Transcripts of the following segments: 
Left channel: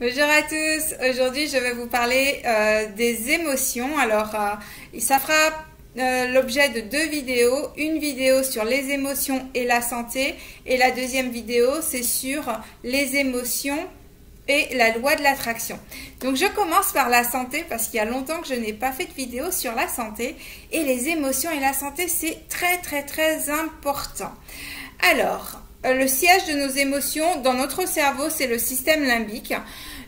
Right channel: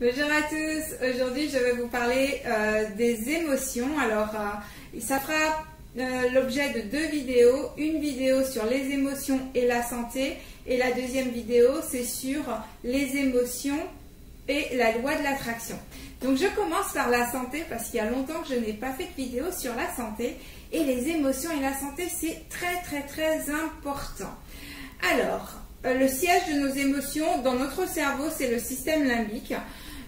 Bonjour à tous, aujourd'hui je vais vous parler des émotions. Alors ça fera l'objet de deux vidéos, une vidéo sur les émotions et la santé et la deuxième vidéo c'est sur les émotions et la loi de l'attraction. Donc je commence par la santé parce qu'il y a longtemps que je n'ai pas fait de vidéo sur la santé et les émotions et la santé c'est très important. Alors le siège de nos émotions dans notre cerveau c'est le système limbique.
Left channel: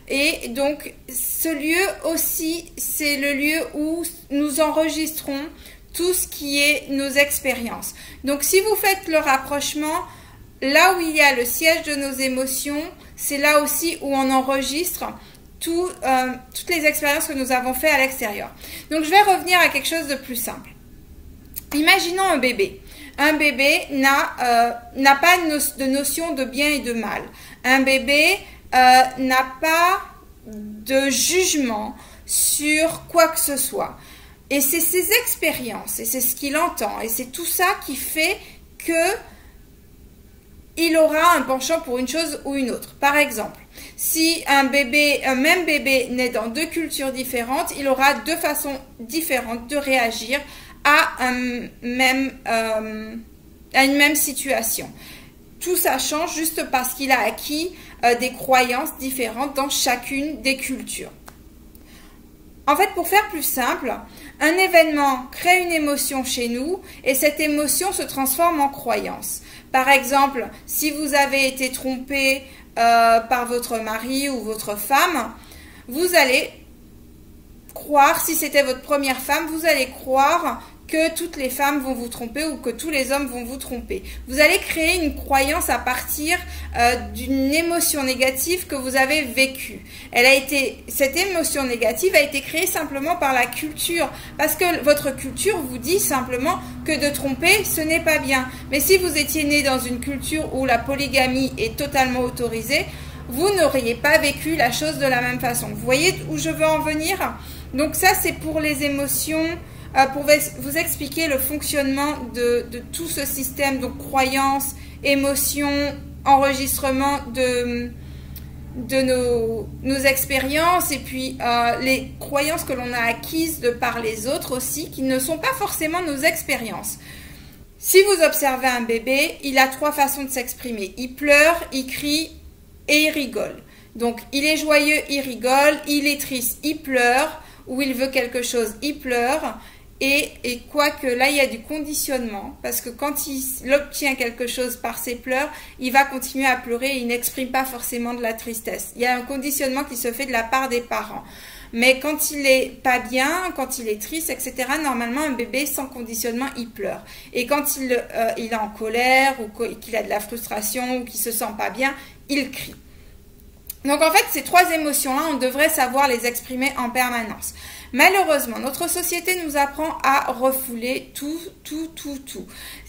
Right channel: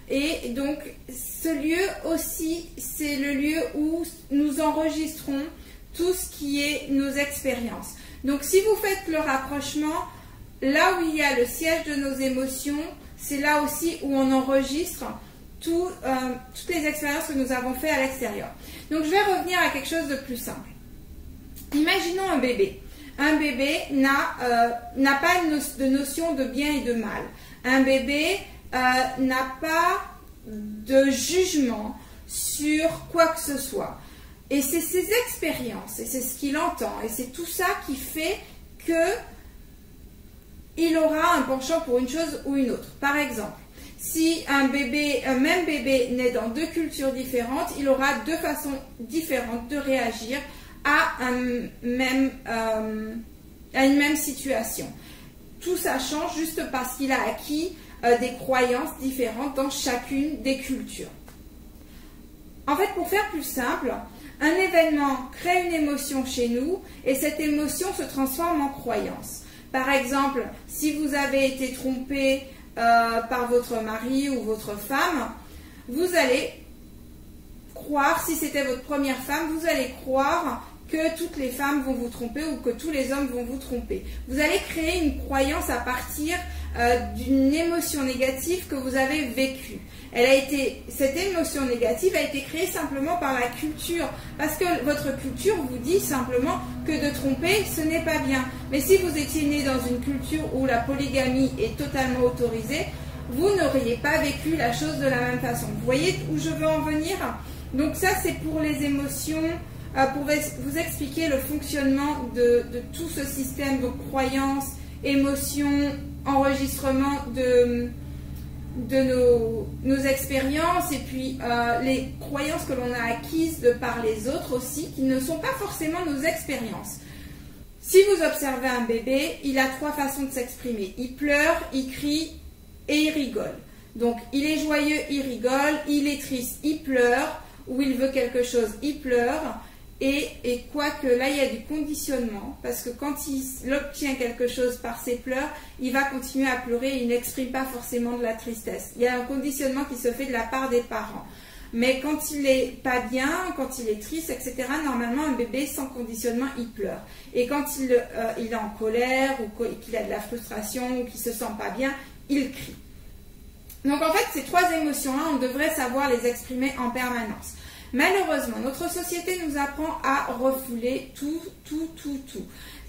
Et donc, ce lieu aussi, c'est le lieu où nous enregistrons tout ce qui est nos expériences. Donc, si vous faites le rapprochement, là où il y a le siège de nos émotions, c'est là aussi où on enregistre toutes les expériences que nous avons faites à l'extérieur. Donc, je vais revenir à quelque chose de plus simple. Imaginons un bébé. Un bébé n'a pas de notion de bien et de mal. Un bébé n'a pas de jugement sur quoi que ce soit. Et c'est ses expériences, et c'est ce qu'il entend, et c'est tout ça qui fait que il aura un penchant pour une chose ou une autre. Par exemple, si un même bébé naît dans deux cultures différentes, il aura deux façons différentes de réagir à une même situation. Tout ça change juste parce qu'il a acquis des croyances différentes dans chacune des cultures. En fait, pour faire plus simple, un événement crée une émotion chez nous et cette émotion se transforme en croyance. Par exemple, si vous avez été trompé par votre mari ou votre femme, vous allez croire, si c'était votre première femme, vous allez croire que toutes les femmes vont vous tromper ou que tous les hommes vont vous tromper. Vous allez créer une croyance à partir d'une émotion négative que vous avez vécue. Cette émotion négative a été créée simplement par la culture, parce que votre culture vous dit simplement que de tromper, ce n'est pas bien. Mais si vous étiez né dans une culture où la polygamie est totalement autorisée, vous n'auriez pas vécu la chose de la même façon. Vous voyez où je veux en venir? Donc ça, c'est pour les émotions. Pour vous expliquer le fonctionnement de tout ce système, donc croyances, émotions, enregistrement de nos expériences et puis les croyances que l'on a acquises de par les autres aussi, qui ne sont pas forcément nos expériences. Si vous observez un bébé, il a trois façons de s'exprimer. Il pleure, il crie et il rigole. Donc il est joyeux, il rigole, il est triste, il pleure, ou il veut quelque chose, il pleure. Et quoique là, il y a du conditionnement, parce que quand il obtient quelque chose par ses pleurs, il va continuer à pleurer et il n'exprime pas forcément de la tristesse. Il y a un conditionnement qui se fait de la part des parents. Mais quand il est pas bien, quand il est triste, etc., normalement, un bébé sans conditionnement, il pleure. Et quand il est en colère ou qu'il a de la frustration ou qu'il se sent pas bien, il crie. Donc en fait, ces trois émotions-là, on devrait savoir les exprimer en permanence. Malheureusement, notre société nous apprend à refouler tout.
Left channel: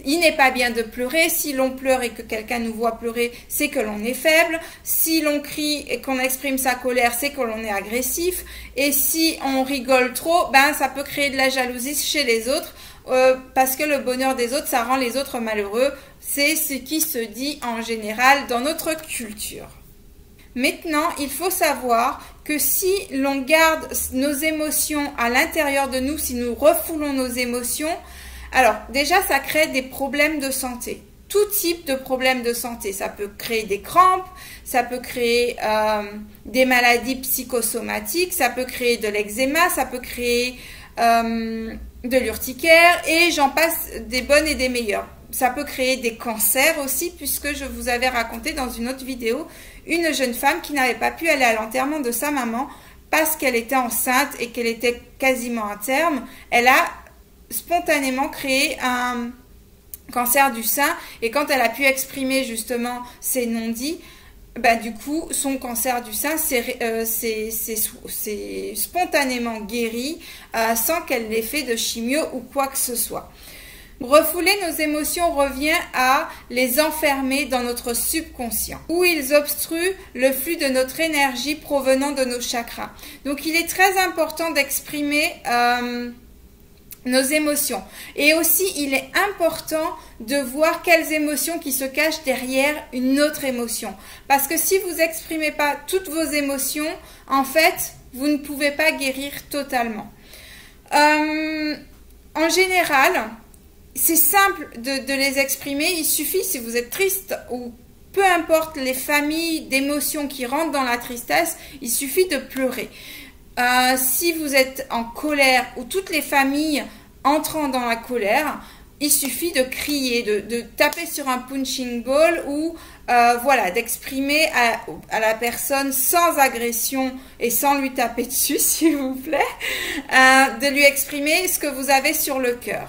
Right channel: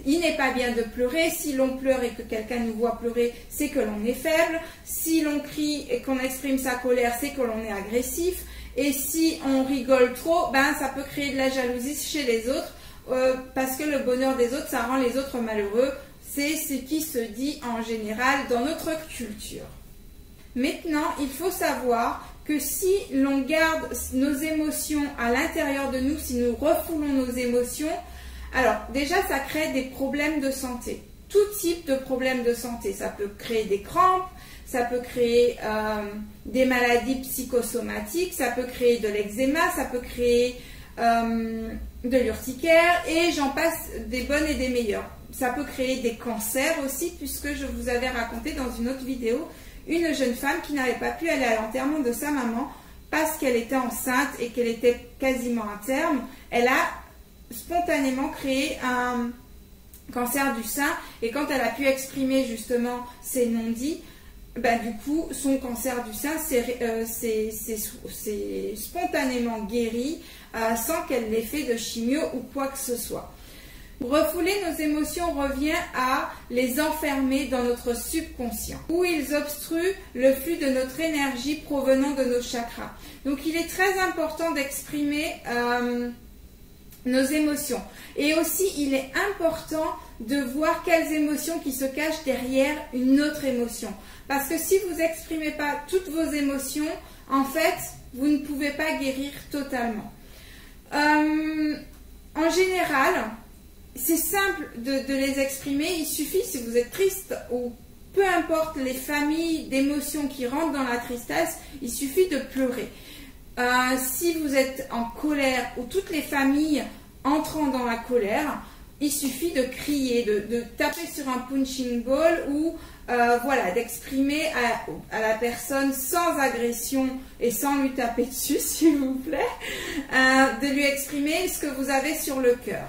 Il n'est pas bien de pleurer. Si l'on pleure et que quelqu'un nous voit pleurer, c'est que l'on est faible. Si l'on crie et qu'on exprime sa colère, c'est que l'on est agressif. Et si on rigole trop, ça peut créer de la jalousie chez les autres parce que le bonheur des autres, ça rend les autres malheureux. C'est ce qui se dit en général dans notre culture. Maintenant, il faut savoir que si l'on garde nos émotions à l'intérieur de nous, si nous refoulons nos émotions, alors déjà ça crée des problèmes de santé. Tout type de problèmes de santé. Ça peut créer des crampes, ça peut créer des maladies psychosomatiques, ça peut créer de l'eczéma, ça peut créer de l'urticaire et j'en passe des bonnes et des meilleures. Ça peut créer des cancers aussi, puisque je vous avais raconté dans une autre vidéo une jeune femme qui n'avait pas pu aller à l'enterrement de sa maman parce qu'elle était enceinte et qu'elle était quasiment à terme. Elle a spontanément créé un cancer du sein et quand elle a pu exprimer justement ses non-dits, du coup, son cancer du sein s'est spontanément guéri sans qu'elle l'ait fait de chimio ou quoi que ce soit. Refouler nos émotions revient à les enfermer dans notre subconscient, où ils obstruent le flux de notre énergie provenant de nos chakras. Donc il est très important d'exprimer nos émotions. Et aussi, il est important de voir quelles émotions qui se cachent derrière une autre émotion. Parce que si vous n'exprimez pas toutes vos émotions, en fait, vous ne pouvez pas guérir totalement. En général, c'est simple de les exprimer. Il suffit, si vous êtes triste ou peu importe les familles d'émotions qui rentrent dans la tristesse, il suffit de pleurer. Si vous êtes en colère ou toutes les familles entrant dans la colère, il suffit de crier, de taper sur un punching ball ou voilà, d'exprimer à la personne sans agression et sans lui taper dessus, s'il vous plaît, de lui exprimer ce que vous avez sur le cœur.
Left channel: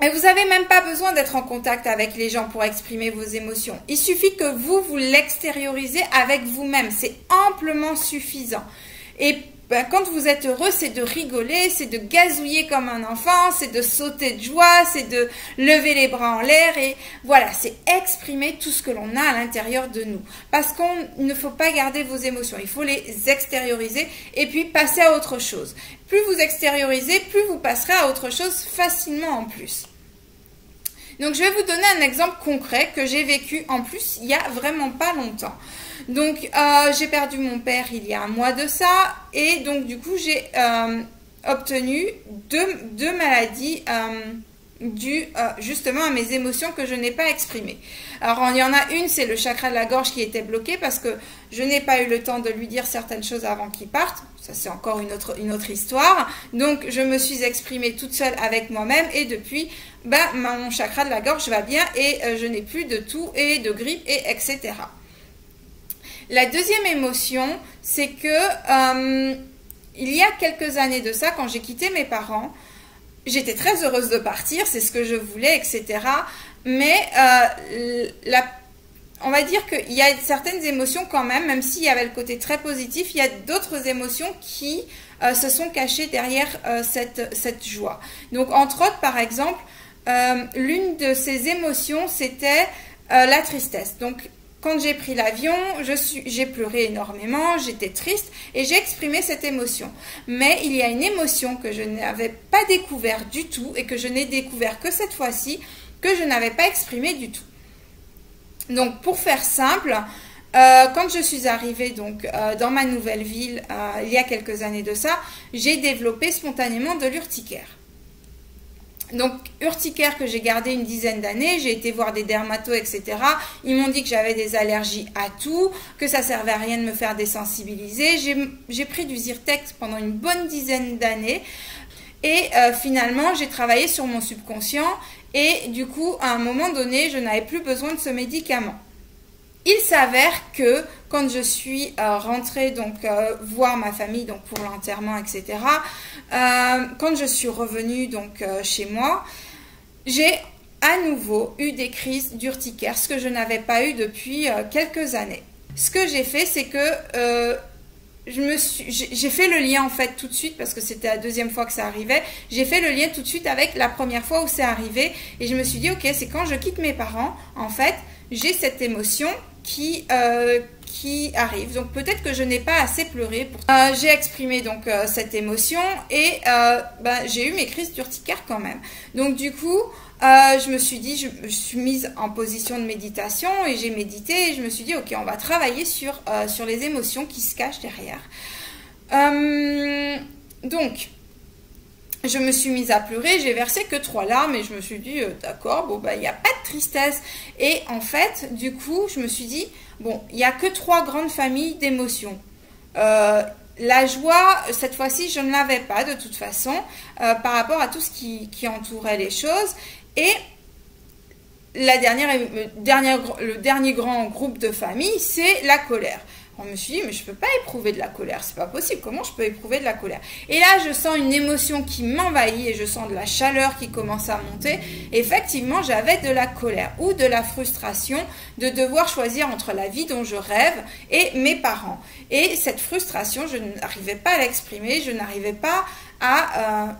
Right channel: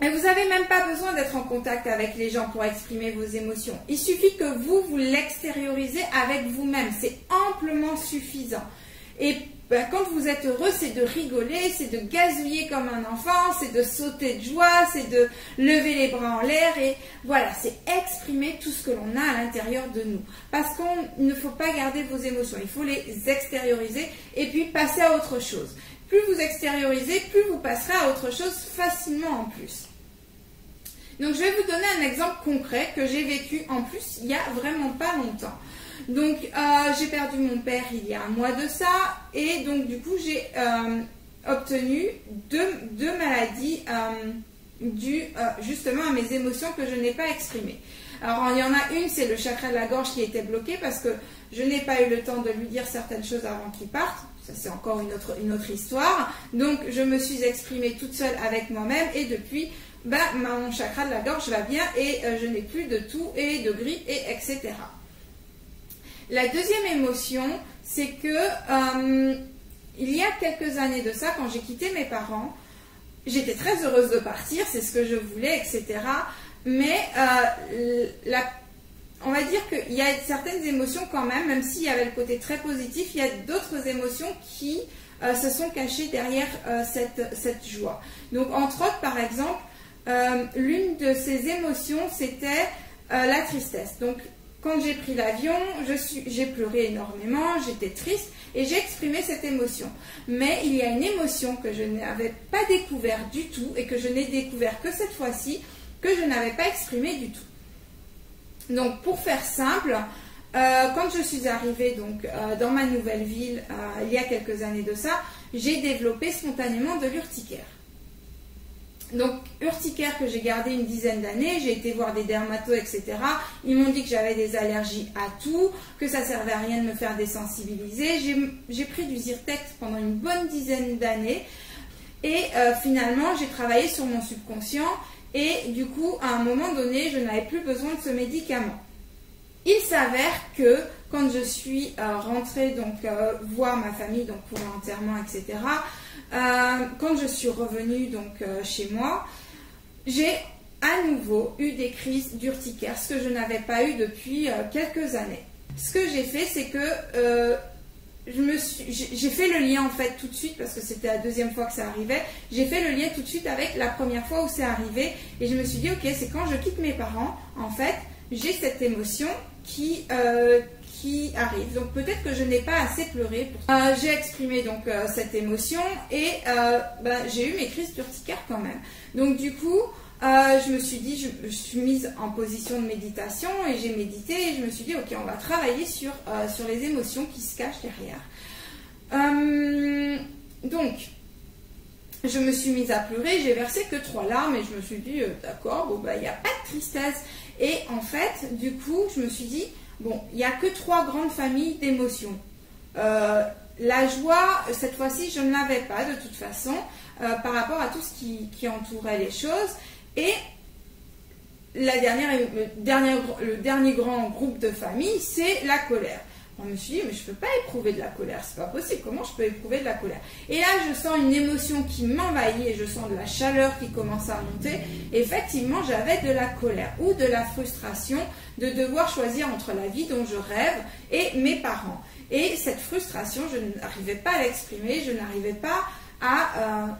Et vous n'avez même pas besoin d'être en contact avec les gens pour exprimer vos émotions. Il suffit que vous l'extériorisez avec vous-même. C'est amplement suffisant. Et quand vous êtes heureux, c'est de rigoler, c'est de gazouiller comme un enfant, c'est de sauter de joie, c'est de lever les bras en l'air. Et voilà, c'est exprimer tout ce que l'on a à l'intérieur de nous. Parce qu'il ne faut pas garder vos émotions. Il faut les extérioriser et puis passer à autre chose. Plus vous extériorisez, plus vous passerez à autre chose facilement en plus. Donc, je vais vous donner un exemple concret que j'ai vécu en plus il n'y a vraiment pas longtemps. Donc, j'ai perdu mon père il y a un mois de ça et donc du coup, j'ai obtenu deux maladies dues justement à mes émotions que je n'ai pas exprimées. Alors, il y en a une, c'est le chakra de la gorge qui était bloqué parce que je n'ai pas eu le temps de lui dire certaines choses avant qu'il parte. Ça, c'est encore une autre histoire. Donc, je me suis exprimée toute seule avec moi-même et depuis, mon chakra de la gorge va bien et je n'ai plus de toux et de grippe et etc. La deuxième émotion, c'est que il y a quelques années de ça, quand j'ai quitté mes parents, j'étais très heureuse de partir, c'est ce que je voulais, etc. Mais on va dire qu'il y a certaines émotions quand même s'il y avait le côté très positif, il y a d'autres émotions qui se sont cachées derrière cette joie. Donc, entre autres, par exemple, l'une de ces émotions, c'était la tristesse. Donc, quand j'ai pris l'avion, j'ai pleuré énormément, j'étais triste et j'ai exprimé cette émotion. Mais il y a une émotion que je n'avais pas découverte du tout et que je n'ai découvert que cette fois-ci, que je n'avais pas exprimée du tout. Donc, pour faire simple, quand je suis arrivée dans ma nouvelle ville, il y a quelques années de ça, j'ai développé spontanément de l'urticaire. Donc, urticaire que j'ai gardé une dizaine d'années, j'ai été voir des dermatos, etc. Ils m'ont dit que j'avais des allergies à tout, que ça servait à rien de me faire désensibiliser. J'ai pris du Zyrtec pendant une bonne dizaine d'années et finalement, j'ai travaillé sur mon subconscient et du coup, à un moment donné, je n'avais plus besoin de ce médicament. Il s'avère que quand je suis rentrée voir ma famille pour l'enterrement, etc., quand je suis revenue chez moi, j'ai à nouveau eu des crises d'urticaire, ce que je n'avais pas eu depuis quelques années. Ce que j'ai fait, c'est que j'ai fait le lien en fait tout de suite parce que c'était la deuxième fois que ça arrivait. J'ai fait le lien tout de suite avec la première fois où c'est arrivé et je me suis dit ok, c'est quand je quitte mes parents, en fait, j'ai cette émotion qui arrive. Donc peut-être que je n'ai pas assez pleuré. J'ai exprimé cette émotion et j'ai eu mes crises d'urticaire quand même. Donc du coup, je me suis dit, je me suis mise en position de méditation et j'ai médité et je me suis dit ok, on va travailler sur les émotions qui se cachent derrière. Donc je me suis mise à pleurer, j'ai versé que 3 larmes et je me suis dit d'accord, il n'y a pas de tristesse. Et en fait, du coup, je me suis dit bon, il n'y a que 3 grandes familles d'émotions. La joie, cette fois-ci, je ne l'avais pas de toute façon par rapport à tout ce qui entourait les choses. Et le dernier grand groupe de famille, c'est la colère. Je me suis dit, mais je ne peux pas éprouver de la colère, c'est pas possible, comment je peux éprouver de la colère? Et là, je sens une émotion qui m'envahit et je sens de la chaleur qui commence à monter. Et effectivement, j'avais de la colère ou de la frustration de devoir choisir entre la vie dont je rêve et mes parents. Et cette frustration, je n'arrivais pas à l'exprimer, je n'arrivais pas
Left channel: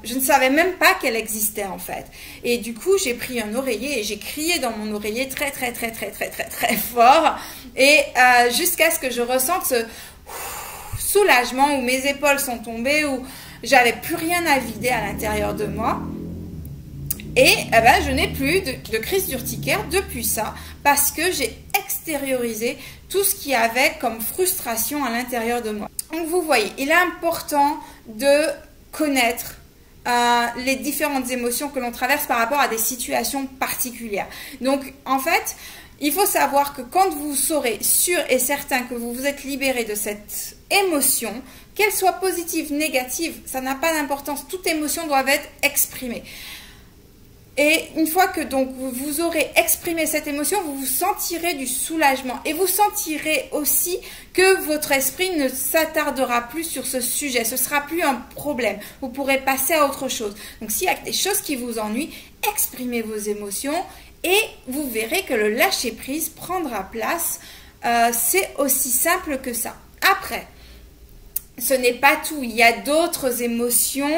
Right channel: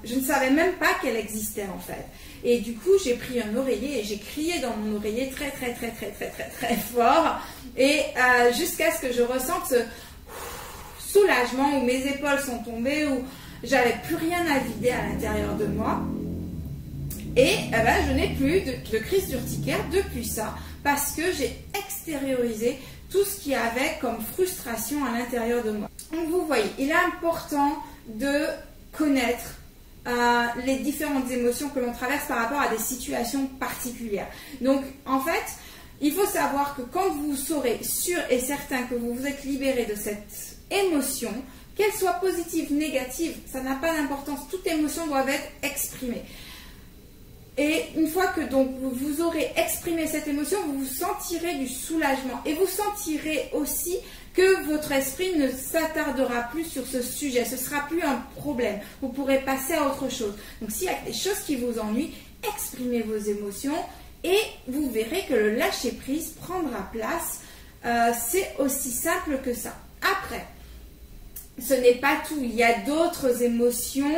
je ne savais même pas qu'elle existait en fait. Et du coup, j'ai pris un oreiller et j'ai crié dans mon oreiller très très très très très très très fort et jusqu'à ce que je ressente ce soulagement où mes épaules sont tombées, où j'avais plus rien à vider à l'intérieur de moi. Et eh ben, je n'ai plus de crise d'urticaire depuis ça, parce que j'ai extériorisé tout ce qu'il y avait comme frustration à l'intérieur de moi. Donc vous voyez, il est important de connaître les différentes émotions que l'on traverse par rapport à des situations particulières. Donc en fait, il faut savoir que quand vous serez sûr et certain que vous vous êtes libéré de cette émotion, qu'elle soit positive, négative, ça n'a pas d'importance, toute émotion doit être exprimée. Et une fois que donc vous aurez exprimé cette émotion, vous vous sentirez du soulagement et vous sentirez aussi que votre esprit ne s'attardera plus sur ce sujet. Ce ne sera plus un problème. Vous pourrez passer à autre chose. Donc s'il y a des choses qui vous ennuient, exprimez vos émotions et vous verrez que le lâcher-prise prendra place. C'est aussi simple que ça. Après, ce n'est pas tout. Il y a d'autres émotions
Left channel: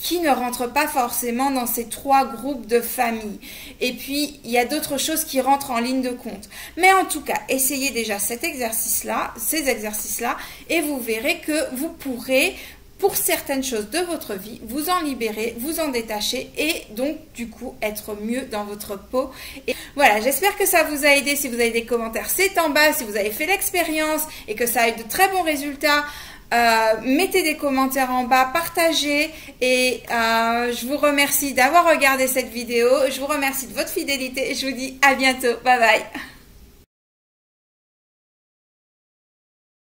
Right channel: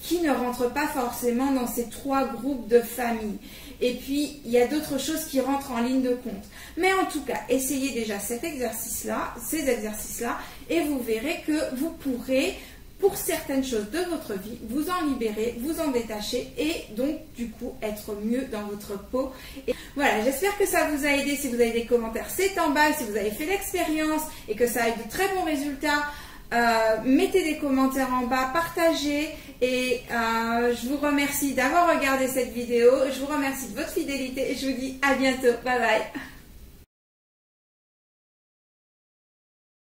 qui ne rentrent pas forcément dans ces 3 groupes de famille. Et puis, il y a d'autres choses qui rentrent en ligne de compte. Mais en tout cas, essayez déjà ces exercices-là, et vous verrez que vous pourrez, pour certaines choses de votre vie, vous en libérer, vous en détacher, et donc, du coup, être mieux dans votre peau. Et voilà, j'espère que ça vous a aidé. Si vous avez des commentaires, c'est en bas. Si vous avez fait l'expérience et que ça a eu de très bons résultats, mettez des commentaires en bas, partagez et je vous remercie d'avoir regardé cette vidéo, je vous remercie de votre fidélité et je vous dis à bientôt, bye bye.